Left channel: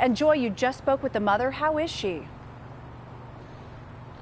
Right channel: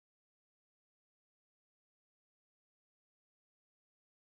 And Joy, you just spoke with the mother. How is she?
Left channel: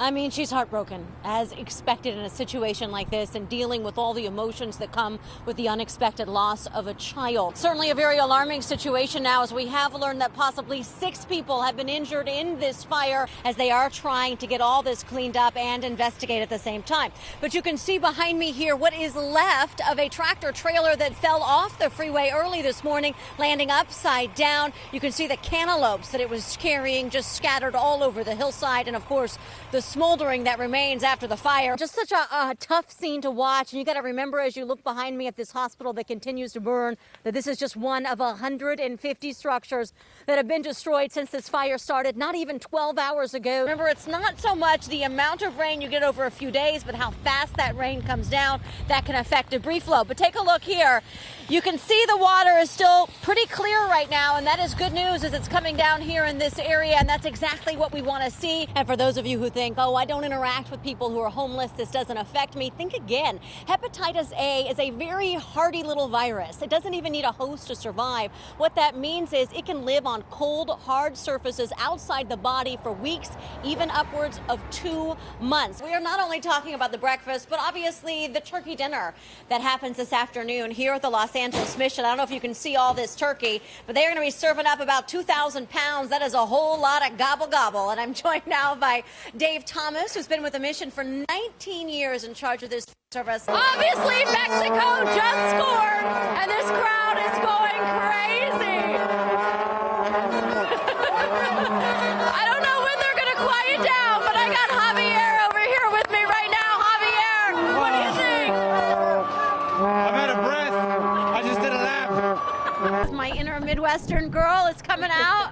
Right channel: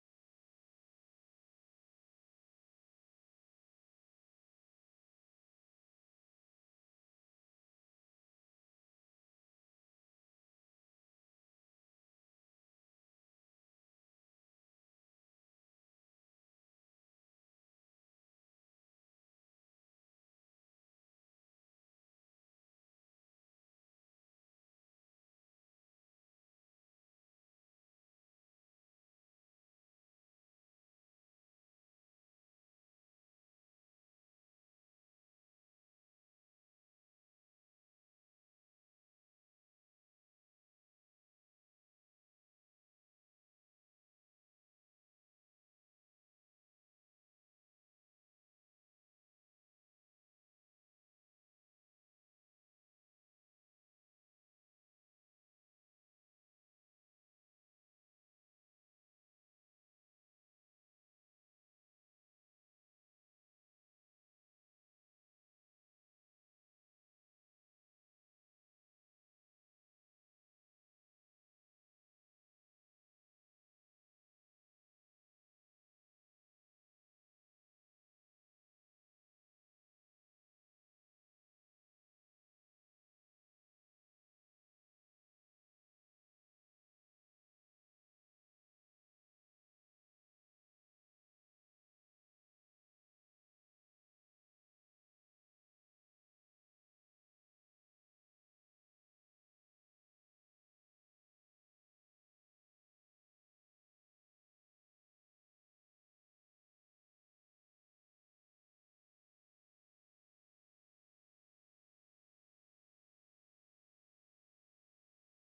I mean, she's heartbroken, as expected in a situation like this, and dealing with all the emotions that come with the unexpected loss of a child. Certainly a very alarming situation now, as we have learned that possibly 6 people have been injured in this fire as they are trying to get all this cleaned up and investigate at the same time. But you can see behind me here what is left of a tractor trailer that fell off the freeway early this morning, landing upside down. You can see the cantaloupes that it was carrying just scattered all over the hillside, and of course the smoldering that remains after the fire. Just such a tough scene to watch. And you got to remember, as you look behind me at this hospital that continues to burn, that this is just one of 150 structures that have been destroyed since this fire started not even 12 hours ago. Remember, it's not so much the amount of rain you get over a few days, but how fast that rain comes down that can affect debris flow. But take a look here. You can see the water is still pretty clear right now, and that is good news as it's coming down here in this area, and that's exactly what we want to see. And for those of you who think, oh, I don't interact with people who are homeless, this doesn't affect me, think again. Hepatitis A is a very hardy little virus. It doesn't even need a host to survive. What that means is it can live on cold, hard surfaces outside the body for weeks, even upwards of 2 months. We are not only talking about the breakfast, but obviously the turkey dinner that happens this afternoon here at the Los Angeles Mission. I don't know if you can see all this turkey, but they're going to be serving up about 2,000 pounds. That is a whole lot of gobble gobble. And I'm joined now by Dave Thomas, who's been with the mission for 19 years in charge of this service. Obviously, Mexico just scored, and this crowd is going crazy. I don't know when they're going to quiet down, but I got Javier over here with me right now. Javier, what do you think? I'm out of breath. I just did a lap. My inner Midwestern girl is coming out.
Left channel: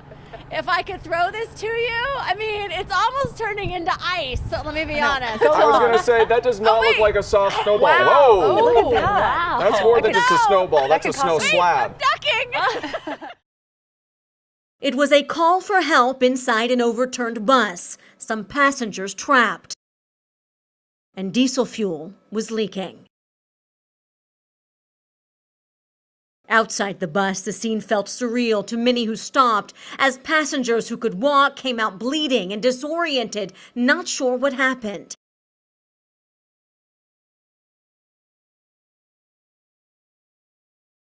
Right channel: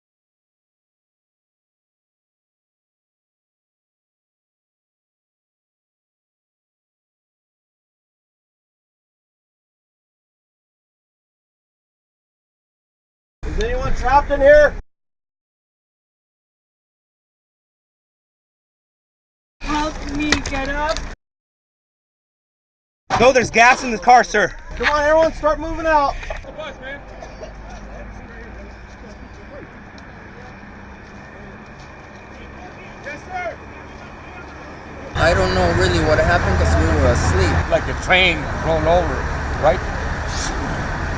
If I could throw this to you, I mean, it's almost turning into ice, so let me be honest. I was going to say, that does not look like a soft snowball. Wow. Whoa! Oh, look at that. That's more than just a snowball. That's a snow slab. Ducking! Is anyone trapped in here? It was a call for help inside an overturned bus. Some passengers trapped. Help me get up. And diesel fuel was leaking. No, there's gas in the car, sir. Come on, everyone, start moving out. Outside the bus, the scene felt surreal to many who stopped as passengers who could walk came out bleeding and disoriented, not sure what happened. I don't know really what happened because we were asleep. Like the train rolled over, right?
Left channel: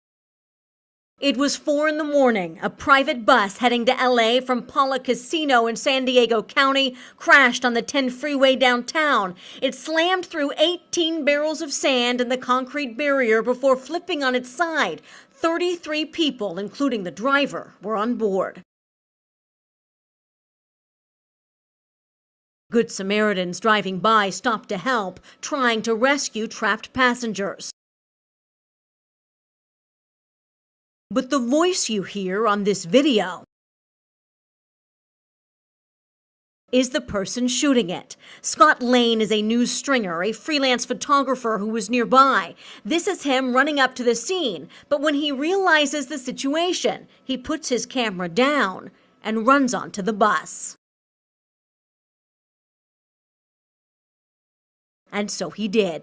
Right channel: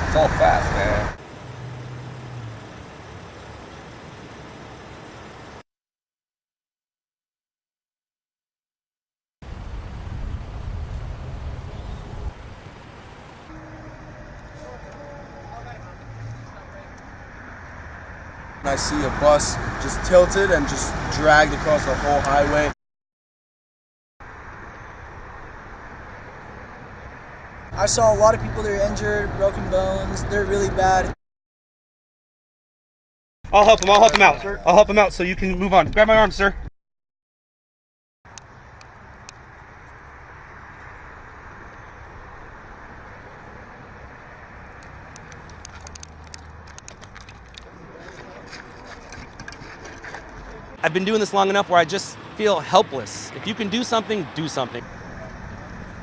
It's all fast, man. It was 4 in the morning. A private bus heading to L.A. from Paula Casino in San Diego County crashed on the 10 freeway downtown. It slammed through 18 barrels of sand and the concrete barrier before flipping on its side. 33 people, including the driver, were on board. I see a bus just tilted and just dragged across the whole highway. Good Samaritans driving by stopped to help, trying to rescue trapped passengers. I saw a lot of people that are injured, broken bones. They're really bad. But the voice you hear on this video I'll help him out. I'll help him out so you can move on. Grab my arm, sir. is the person shooting it. Scott Lane is a news stringer, a freelance photographer who was nearby. This is him running up to the scene, but when he realizes the situation, he puts his camera down and runs onto the bus. I've been doing this long enough where I just feel helpless. If you can do something, do something. And so he did.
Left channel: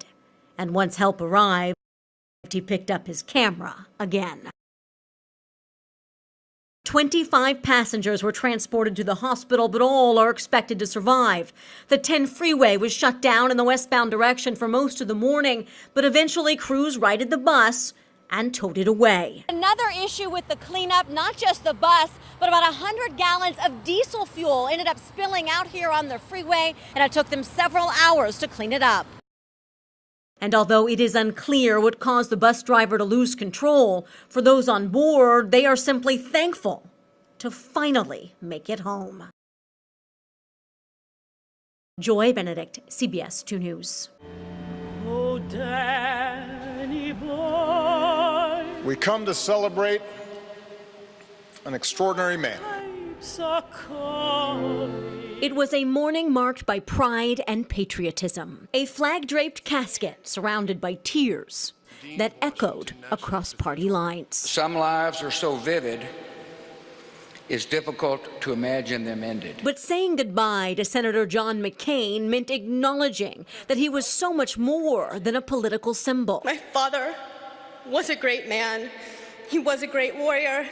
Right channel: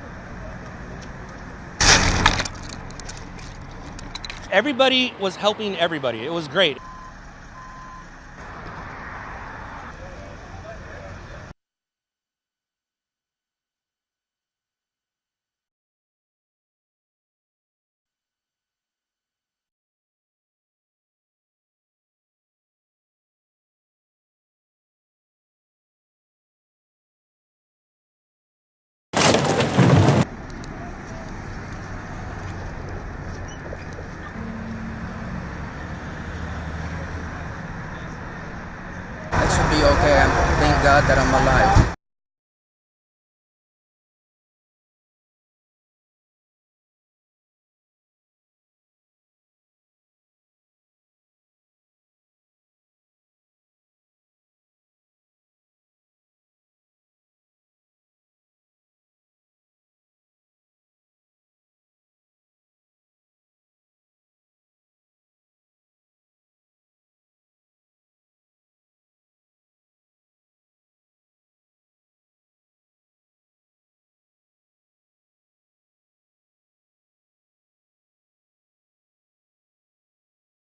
And once help arrived, he picked up his camera again. Everybody was helping everybody. It was great. 25 passengers were transported to the hospital, but all are expected to survive. The 10 freeway was shut down in the westbound direction for most of the morning, but eventually crews righted the bus and towed it away. Another issue with the cleanup, not just the bus, but about 100 gallons of diesel fuel ended up spilling out here on the freeway, and it took them several hours to clean it up. And although it is unclear what caused the bus driver to lose control, for those on board, they are simply thankful to finally make it home. I should be okay, and thank God that I'm alive. Joy, Benedict, CBS 2 News. Oh, Danny boy. We come to celebrate an extraordinary man. It was a morning marked by pride and patriotism. A flag-draped casket surrounded by tears that echoed across party lines. Some lives are so vivid, it's difficult to imagine them ended. But saying goodbye to Senator John McCain meant acknowledging that he was so much more than a political symbol. My father was a great man. He was a great warrior.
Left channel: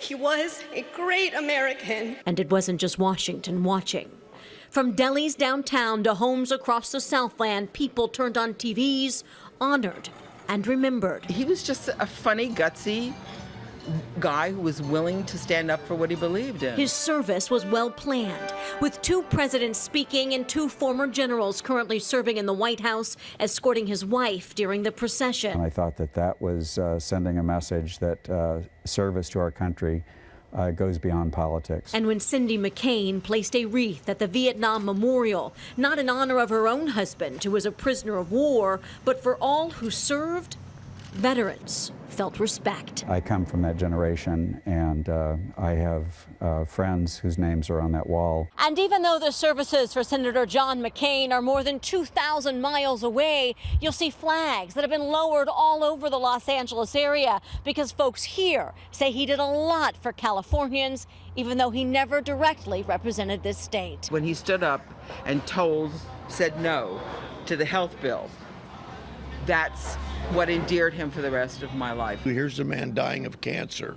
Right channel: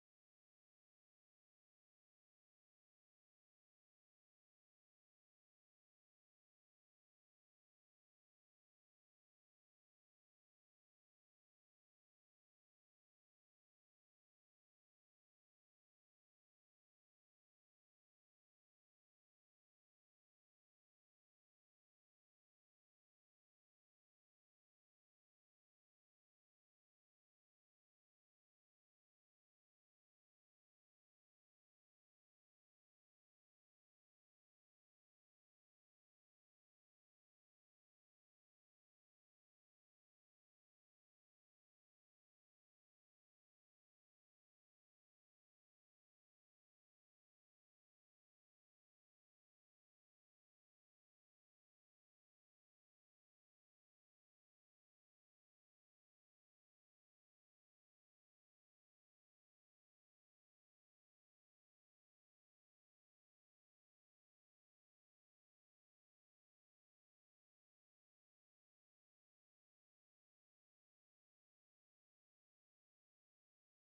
He was a great American. And it wasn't just Washington watching. From delis downtown to homes across the Southland, people turned on TVs, honored and remembered. He was just a funny, gutsy guy who was willing to stand up for what he believed in. His service was well planned, with 2 presidents speaking and 2 former generals currently serving in the White House escorting his wife during the procession. And I thought that was sending a message that service to our country goes beyond politics. And when Cindy McCain placed a wreath at the Vietnam Memorial, not in honor of her own husband, who was a prisoner of war, but for all who served, veterans felt respect. I come from that generation, and I have friends whose names are on that wall. And even though the services for Senator John McCain are more than 2,000 miles away, you'll see flags that have been lowered all over the Los Angeles area because folks here say he did a lot for Californians, even though he never directly represented this state. When he stood up and said no to the health bill, that's what endeared him for the rest of my life. Here's a man dying of cancer,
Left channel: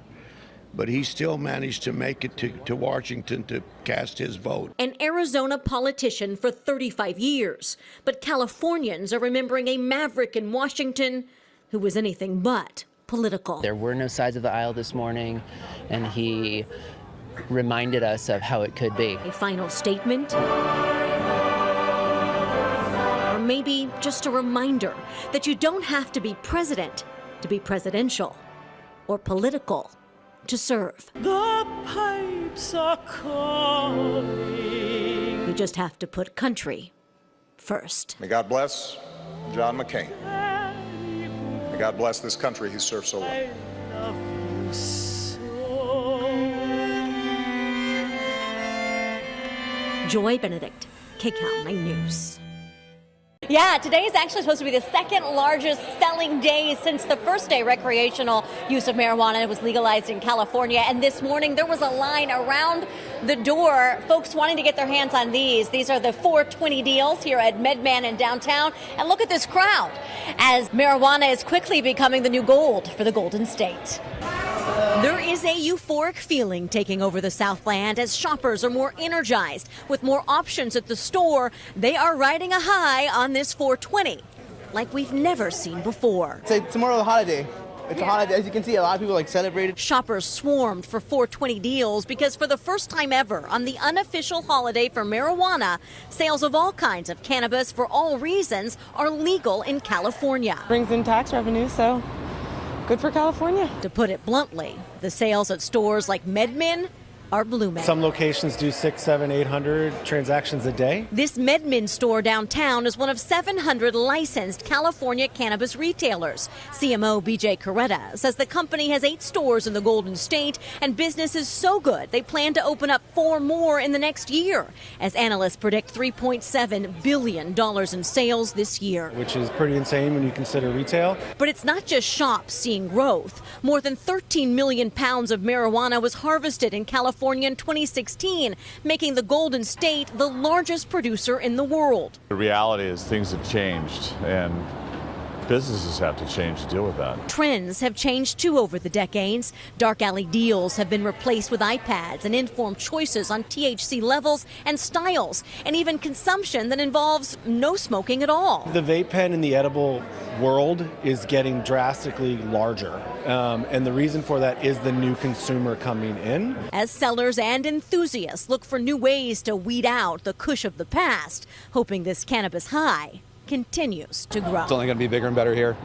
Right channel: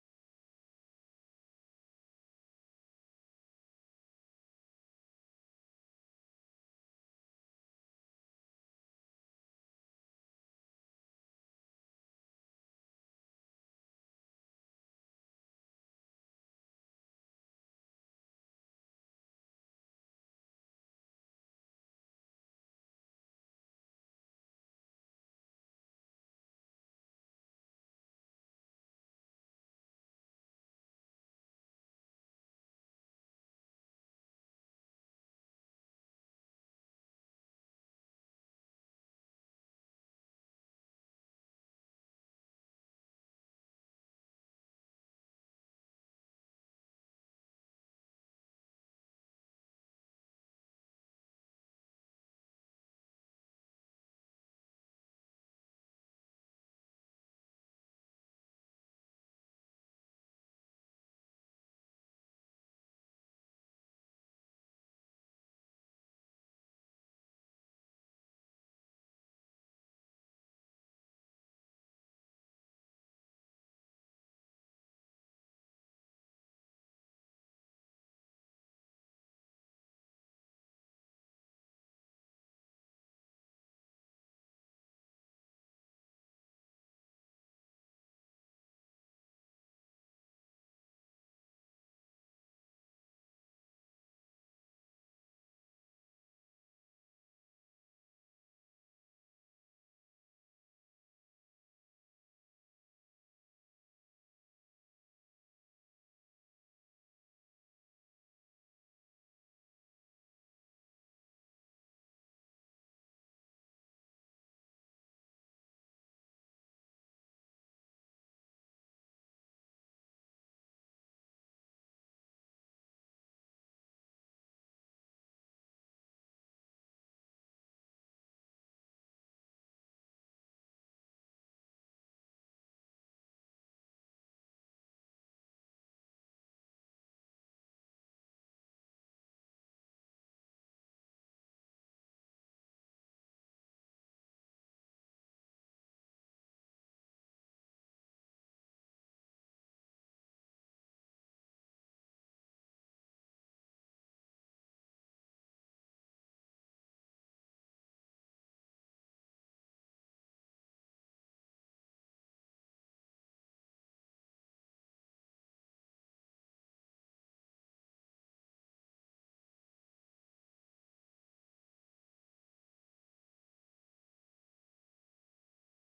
but he still managed to make it to Washington to cast his vote. An Arizona politician for 35 years, but Californians are remembering a maverick in Washington who was anything but political. There were no sides of the aisle this morning, and he reminded us of how it could be. A final statement? Maybe just a reminder that you don't have to be president to be presidential or political to serve. The pipes are calling. You just have to put country first. May God bless John McCain. May God bless this country he served so well. Joy Benedict, KCAL 9 News. Yeah, today is actually supposed to be the second largest selling day since the first day recreational use of marijuana was legalized in California. And this morning there was a line around the door, folks wanting to get their hands on these. These are the 420 deals here at MedMan in downtown. And look at this crowd as marijuana is quickly becoming the new gold for the Golden State. There is a euphoric feeling taking over the Southland as shoppers are more energized. With more options at the store, they are riding a high on this 420 like we've never seen before. It's more of a holiday. It's a holiday. As you can see, a lot of people celebrated. Shoppers swarmed for 420 deals because for the first time ever on the unofficial holiday for marijuana, sales of all kinds of cannabis for all reasons are legal in California. Brings in tax revenue, so good for California. To put it bluntly, the sales at stores like MedMin are blooming. Some locations do 600, 700, 800 transactions a day. This MedMin store downtown is one of 700 licensed California cannabis retailers. CMO BJ Coretta says the company has 8 stores in the Golden State and business is so good they plan to open up 4 more in the next year, as analysts predict $3.7 billion in sales this year. Which is pretty insane when you consider retail. But it's not just shops seeing growth. More than 13 million pounds of marijuana was harvested in California in 2016, making the Golden State the largest producer in the world. The reality is things have changed, and businesses have to change to deal with that. Trends have changed too over the decades. Dark alley deals have been replaced with iPads and informed choices on THC levels and styles, and even consumption that involves no smoking at all. The vape pen in the edible world is getting drastically larger, and the reason for that is the new consumer coming in. As sellers and enthusiasts look for new ways to weed out the kush of the past, hoping this cannabis high continues to grow. It's only going to be bigger and better here.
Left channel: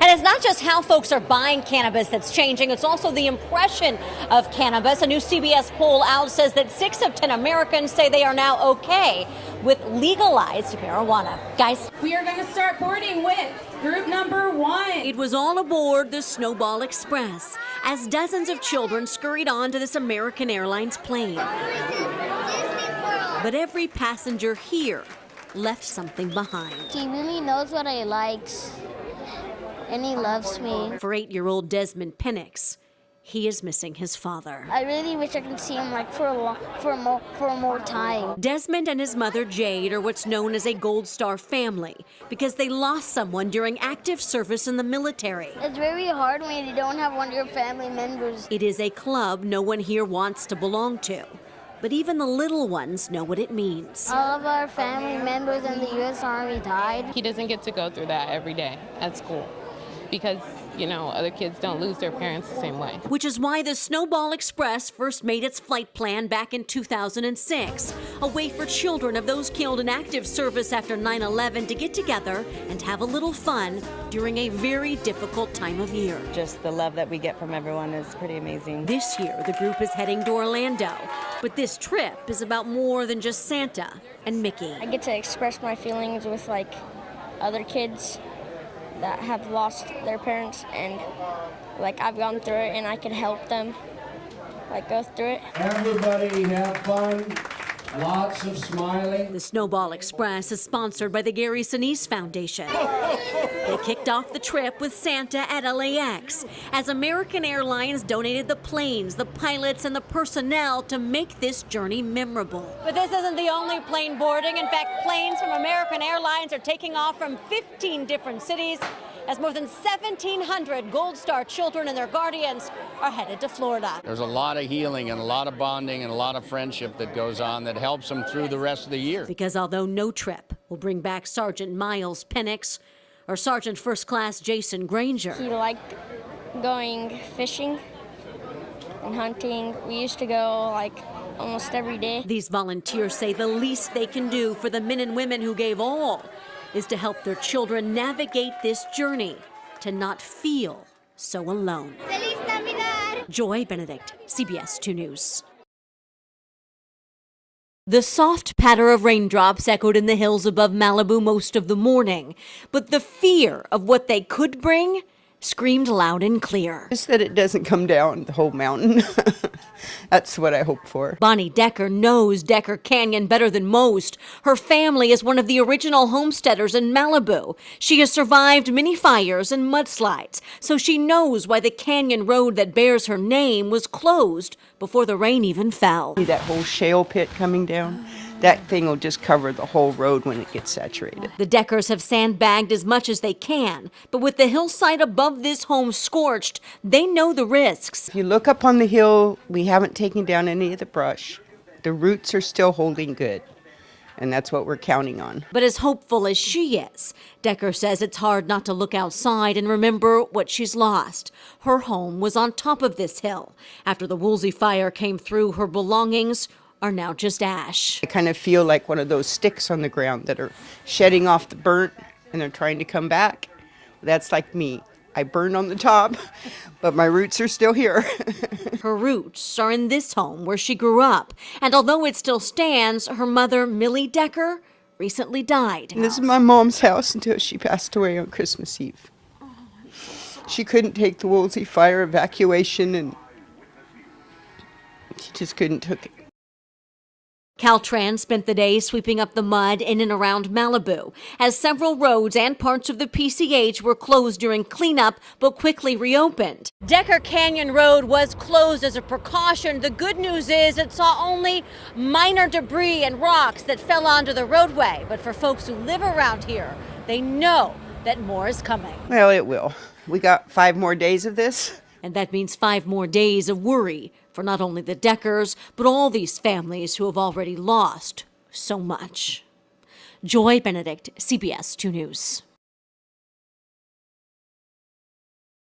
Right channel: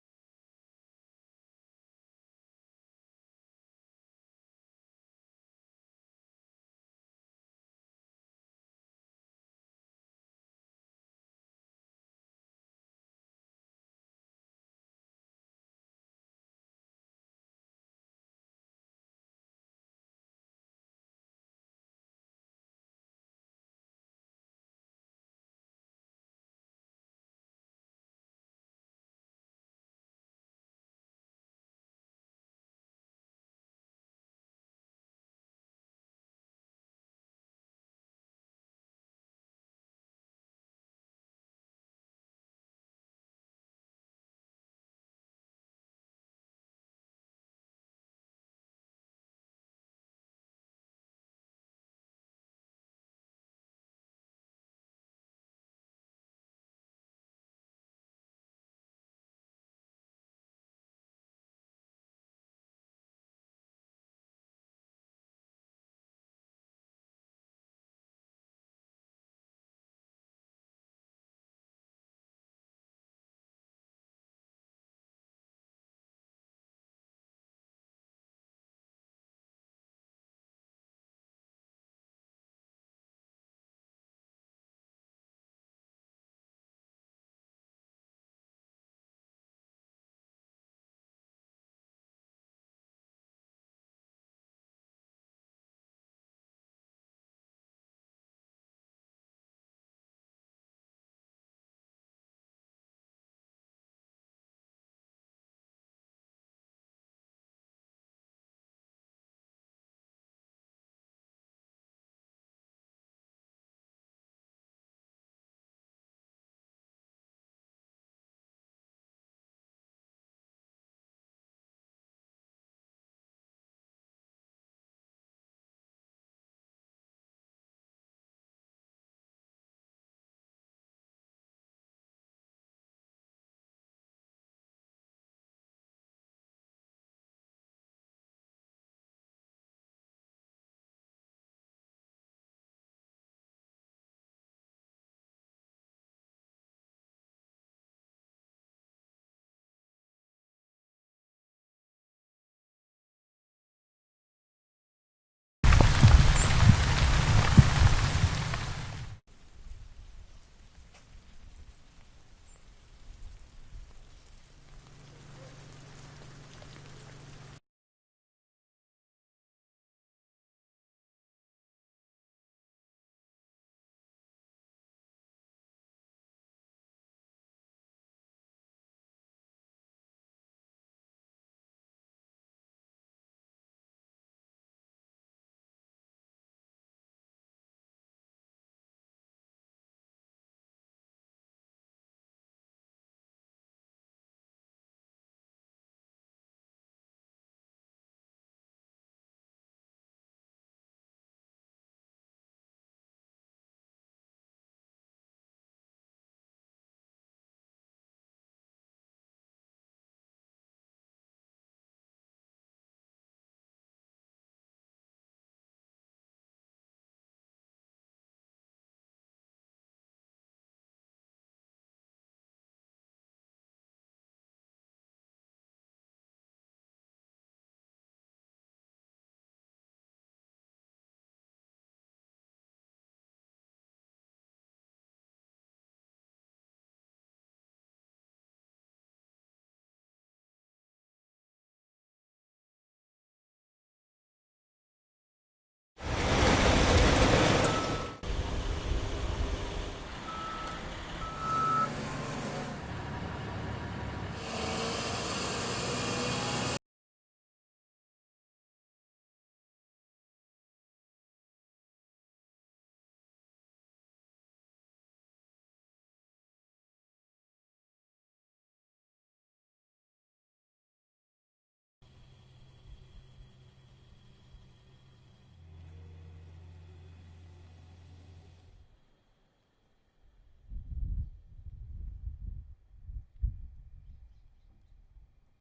And it's not just how folks are buying cannabis that's changing, it's also the impression of cannabis. A new CBS poll out says that 6 of 10 Americans say they are now okay with legalized marijuana. Guys, we are going to start boarding with group number 1. It was all aboard the Snowball Express as dozens of children scurried onto this American Airlines plane. But every passenger here left something behind. He really knows what I like, and he loves me. For 8-year-old Desmond Penix, he is missing his father. I really wish I could see him like for more time. Desmond and his mother Jade are what's known as a Gold Star family because they lost someone during active service in the military. It's very hard when you don't have one of your family members. It is a club no one here wants to belong to. But even the little ones know what it means. All of our family members in the U.S. Army died. He doesn't get to go through that every day at school because, you know, other kids don't lose their parents the same way. Which is why the Snowball Express first made its flight plan back in 2006, a way for children of those killed in active service after 9/11 to get together and have a little fun during a very difficult time of year. Just the love that we get from everyone is pretty amazing. This year, the group is heading to Orlando, but this trip is about more than just Santa and Mickey. I get to express my feelings with like other kids that have lost their parents, and like I've gone through it and I can help them like go through it. Everybody have fun. Lots of smiling. The Snowball Express is sponsored by the Gary Sinise Foundation. They kicked off the trip with Santa at LAX as American Airlines donated the planes, the pilots, and the personnel to make this journey memorable. But this isn't the only plane boarding. In fact, planes from American Airlines are taking off from 15 different cities as more than 1,700 Gold Star children and their guardians are headed to Florida. There's a lot of healing and a lot of bonding and a lot of friendship that goes on that helps them through the rest of the year. Because although no trip will bring back Sergeant Miles Penix or Sergeant First Class Jason Granger, He liked going fishing and hunting. We used to go like almost every day. these volunteers say the least they can do for the men and women who gave all is to help their children navigate this journey to not feel so alone. Feliz Navidad! Joy Benedict, CBS 2 News. The soft patter of raindrops echoed in the hills above Malibu most of the morning, but the fear of what they could bring screamed loud and clear. Just that it doesn't come down the whole mountain. That's what I hope for. Bonnie Decker knows Decker Canyon better than most. Her family is one of the original homesteaders in Malibu. She has survived many fires and mudslides, so she knows why the canyon road that bears her name was closed before the rain even fell. See that whole shale pit coming down? That thing will just cover the whole road when it gets saturated. The Deckers have sandbagged as much as they can, but with the hillside above this home scorched, they know the risks. If you look up on the hill, we haven't taken down any of the brush. The roots are still holding good, and that's what we're counting on. But as hopeful as she is, Decker says it's hard not to look outside and remember what she's lost. Her home was on top of this hill. After the Woolsey fire came through, her belongings are now just ash. I kind of feel like one of those sticks on the ground that are shedding off the burnt and they're trying to come back. That's like me. I burned on the top, but my roots are still here. Her roots are in this home where she grew up. And although it still stands, her mother, Millie Decker, recently died. And this is my mom's house until she passed away on Christmas Eve. She couldn't take the Woolsey fire evacuation and she just couldn't take it. Caltrans spent the day sweeping up the mud in and around Malibu, as several roads and parts of the PCH were closed during cleanup but quickly reopened. Decker Canyon Road was closed as a precaution. The good news is it saw only minor debris and rocks that fell onto the roadway. But for folks who live around here, they know that more is coming. Well, it will. We got 5 more days of this. And that means 5 more days of worry for not only the Deckers, but all these families who have already lost so much. Joy Benedict, CBS 2 News.